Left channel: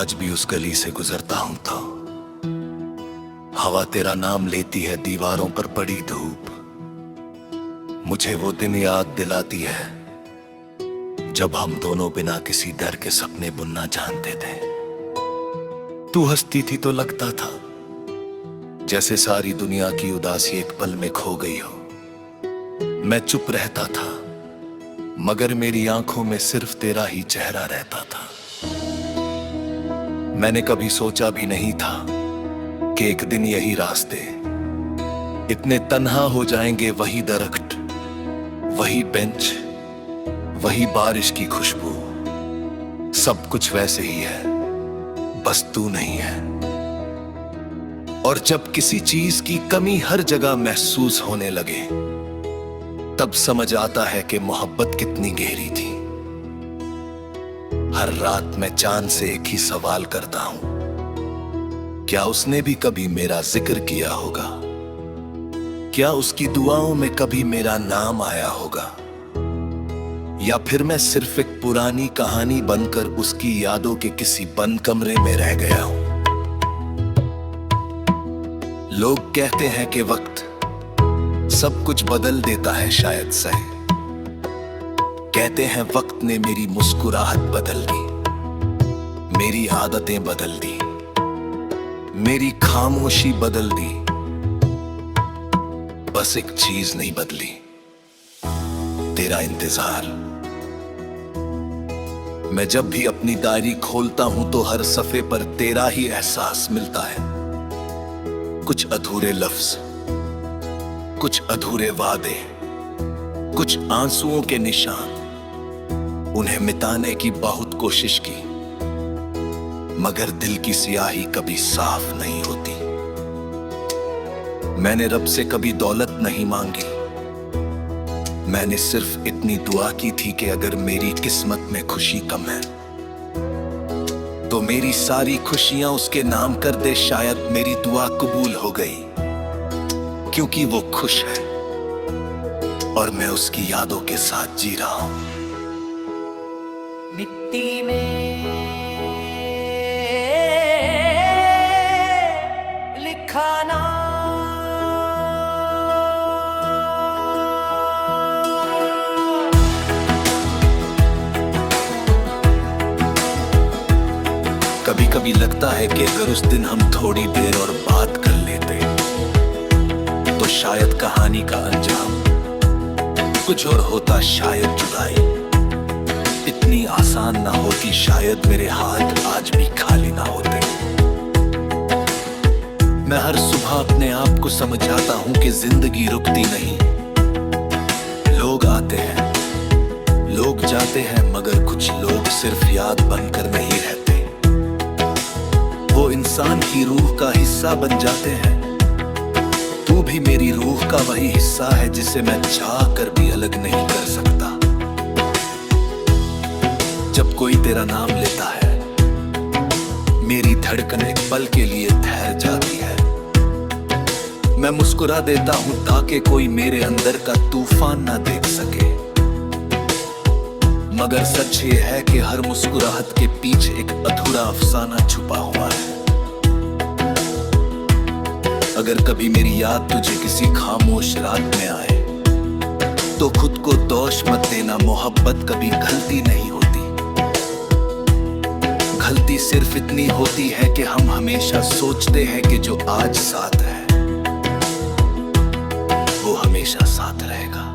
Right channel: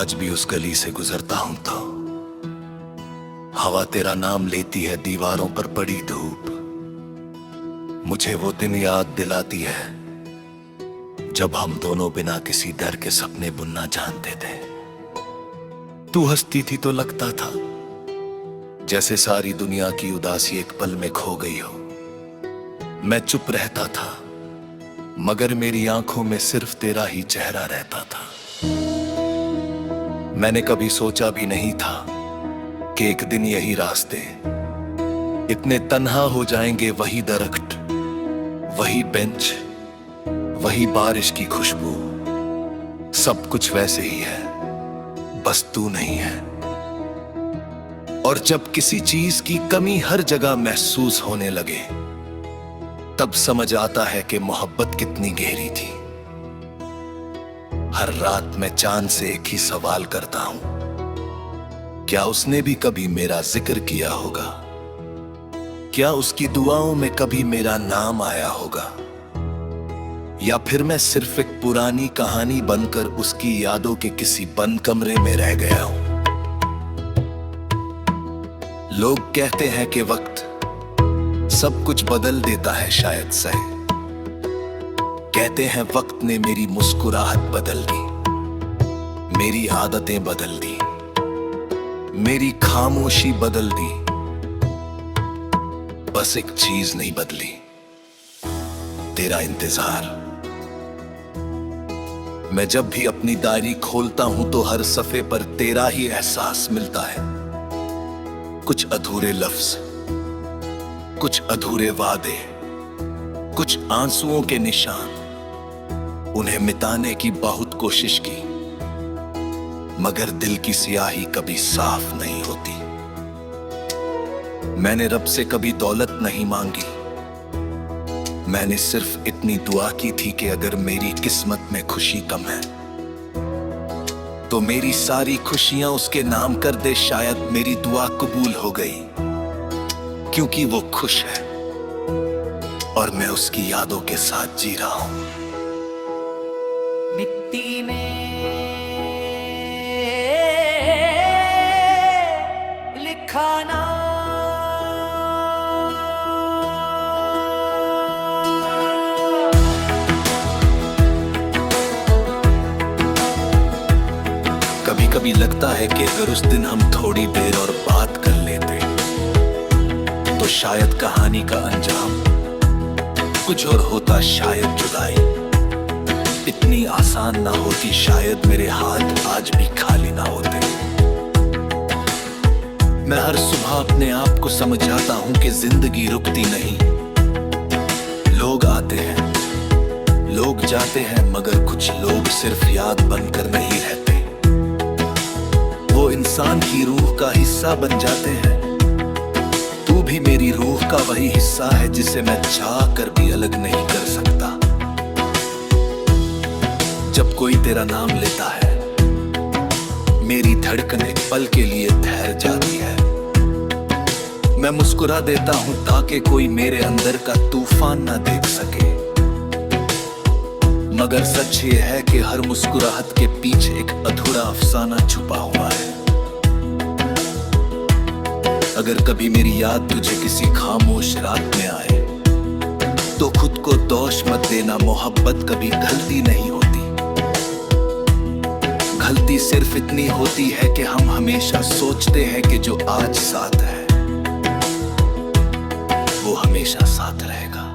आज भी उस गली से गुजरता हूं तो हवा तेरा नाम लेती है, दीवारों पर पड़ी धूप मुझे वो दिन याद दिलाती है जब हम दोनों बिना किसी डर के सपने बुनना जानते थे। तू हंसती थी तो लगता था जैसे सारी दुनिया की उदासी एक पल में खो गई हो। मैं चुप रहता था मगर मेरी आंखों में सिर्फ तेरा ही चेहरा रहता था। मैंने कभी सोचा भी नहीं था कि एक दिन यही रास्ते इतने तन्हा हो जाएंगे। वही दरख्त, वही बेंच, वही बारिश की खुशबू, सब कुछ वैसे ही है, बस तू नहीं है। और जब किसी चीज की कमी हर जगह महसूस होने लगे तब समझ आता है कि मोहब्बत कितनी गहरी थी। हर रात मैं चांद से एक ही सवाल करता हूं, क्या उसने भी कभी मेरा जिक्र किया होगा? क्या उसकी दुआओं में कभी मेरा नाम आया होगा? या फिर मैं सिर्फ एक पुरानी कहानी बनकर उसकी यादों के किसी बंद कमरे में रह गया हूं? लोग कहते हैं कि वक्त सब कुछ बदल देता है, शायद सही कहते हैं वक्त ने मेरी मुस्कुराहट बदल दी, मेरी आदतें बदल दी, मेरी खामोशी बदल दी। बस एक चीज नहीं बदली, तेरा इंतजार। मैं जब भी अपनी डायरी खोलता हूं तो हर सफे पर तेरा ही एहसास मिलता है। कुछ अधूरे लफ्ज, कुछ अधूरे वादे, कुछ आंसुओं के निशान। उन्हें मिटाने की बहुत कोशिश की मगर दिल की स्याही कभी साफ नहीं होती। मैंने रब से कभी दौलत नहीं मांगी, मैंने सिर्फ इतनी दुआ की थी कि अगर मेरी किस्मत में खुशी कम है तो मेरी सारी खुशियां उसके नाम कर दे। शायद मेरी दुआ कबूल हो गई क्योंकि वो खुश है और मैं उसकी यादों के साथ जी रहा हूं। मिट्टी में लिखा ना कभी कभी लगता है कि अगर उस दिन हम थोड़ी देर और बात कर लेते तो शायद कहानी का अंजाम कुछ और होता। शायद जुदाई इतनी आसान ना होती, शायद मेरे हाथ आज भी खाली ना होते। मैं हर सुबह अपने आप को समझाता हूं कि जिंदगी रुकती नहीं। लोग आते हैं, लोग जाते हैं, मगर कुछ लोग सिर्फ याद बनकर नहीं रहते, वो इंसान की रूह का हिस्सा बन जाते हैं। तू भी मेरी रूह का वही हिस्सा है जिसे मैं चाह कर भी अलग नहीं कर सकता। जब कोई तेरा नाम लेता है मेरी धड़कन एक पल के लिए ठहर जाती है। मैं मुस्कुरा देता हूं ताकि कोई मेरे अंदर का तूफान ना देख सके, मगर सच ये है कि हर मुस्कुराहट के पीछे एक अधूरा अफसाना छुपा हुआ है। अगर कभी मेरी याद तुझे किसी खामोश रात में आए तो खुद को दोष मत देना, मोहब्बत कभी गलती नहीं होती। गलती सिर्फ इतनी होती है कि हम हमेशा सोचते हैं कि जो आज साथ है वो हमेशा साथ रहेगा।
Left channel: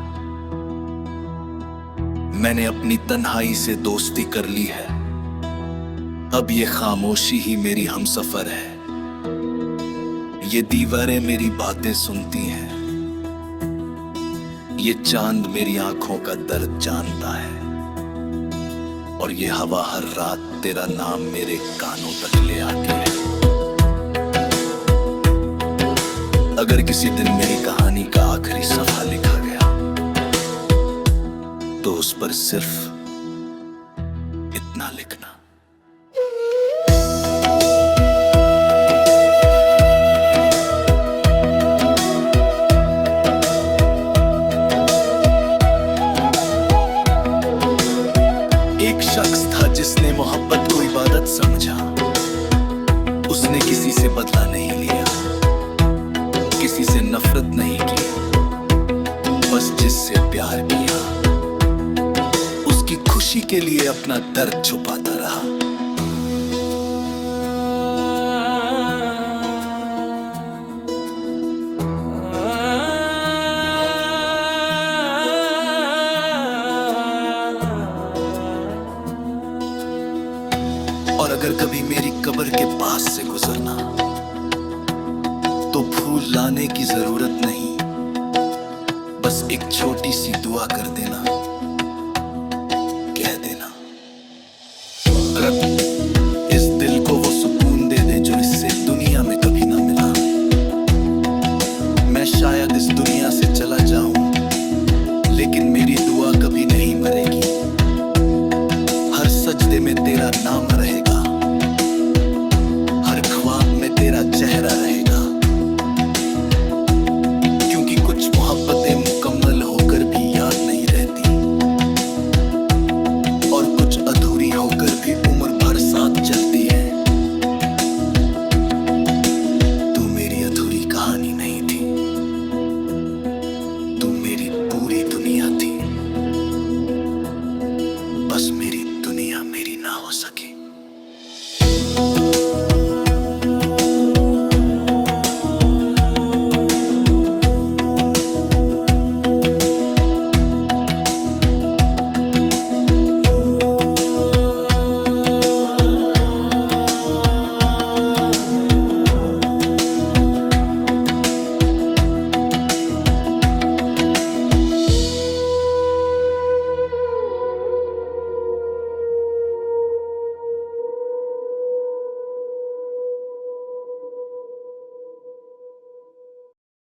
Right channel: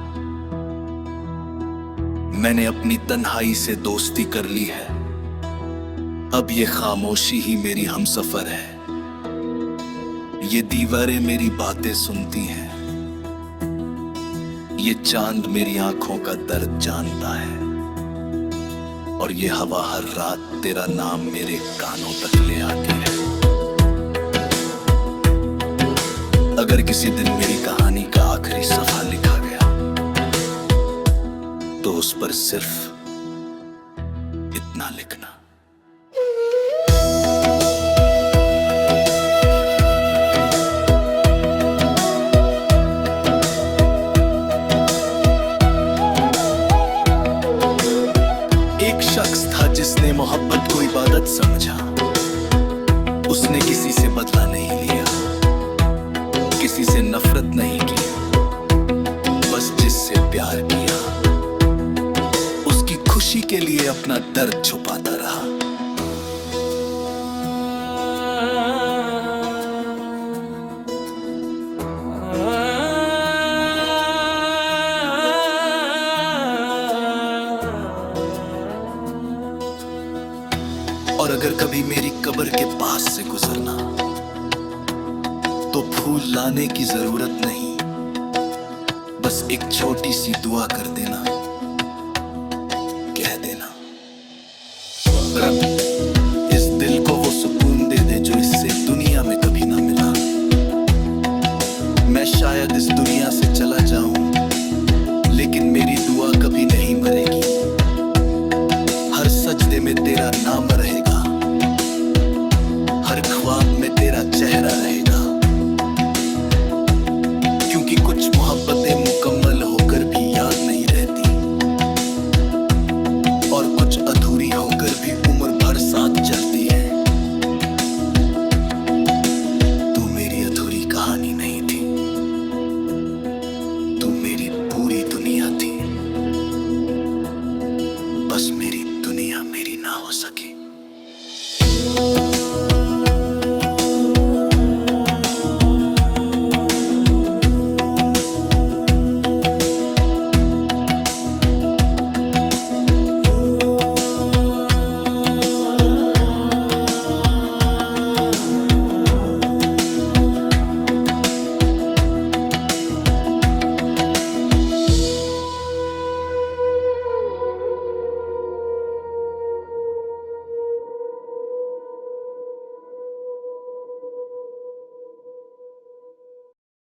मैंने अपनी तन्हाई से दोस्ती कर ली है, अब ये खामोशी ही मेरी हमसफर है। ये दीवारें मेरी बातें सुनती हैं, ये चांद मेरी आंखों का दर्द जानता है, और ये हवा हर रात तेरा नाम मेरे कानों तक ले आती है। अगर किसी दिन मेरी कहानी का आखिरी सफा लिखा गया तो उस पर सिर्फ इतना लिखना, एक शख्स था जिसने मोहब्बत को इबादत समझा, उसने किसी से बदला नहीं लिया, किसी से नफरत नहीं की, बस जिससे प्यार किया उसकी खुशी के लिए अपना दर्द छुपाता रहा। और अगर कभी मेरी कब्र के पास से गुजरना तो फूल लाने की जरूरत नहीं, बस एक छोटी सी दुआ कर देना, कह देना रब इस दिल को वो सुकून दे दे जो इससे दुनिया में कभी ना मिला। मैं शायद इस दुनिया से चला जाऊं लेकिन मेरी दुआ कभी नहीं मरेगी, हर सजदे में तेरा नाम रहेगा, हर ख्वाब में तेरा चेहरा रहेगा। क्योंकि कुछ मोहब्बतें मुकम्मल होकर भी याद नहीं रहती और कुछ अधूरी होकर भी उम्र भर साथ चलती है। तू मेरी अधूरी कहानी नहीं थी, तू मेरी पूरी दुनिया थी, बस मेरी दुनिया मेरी ना हो सकी।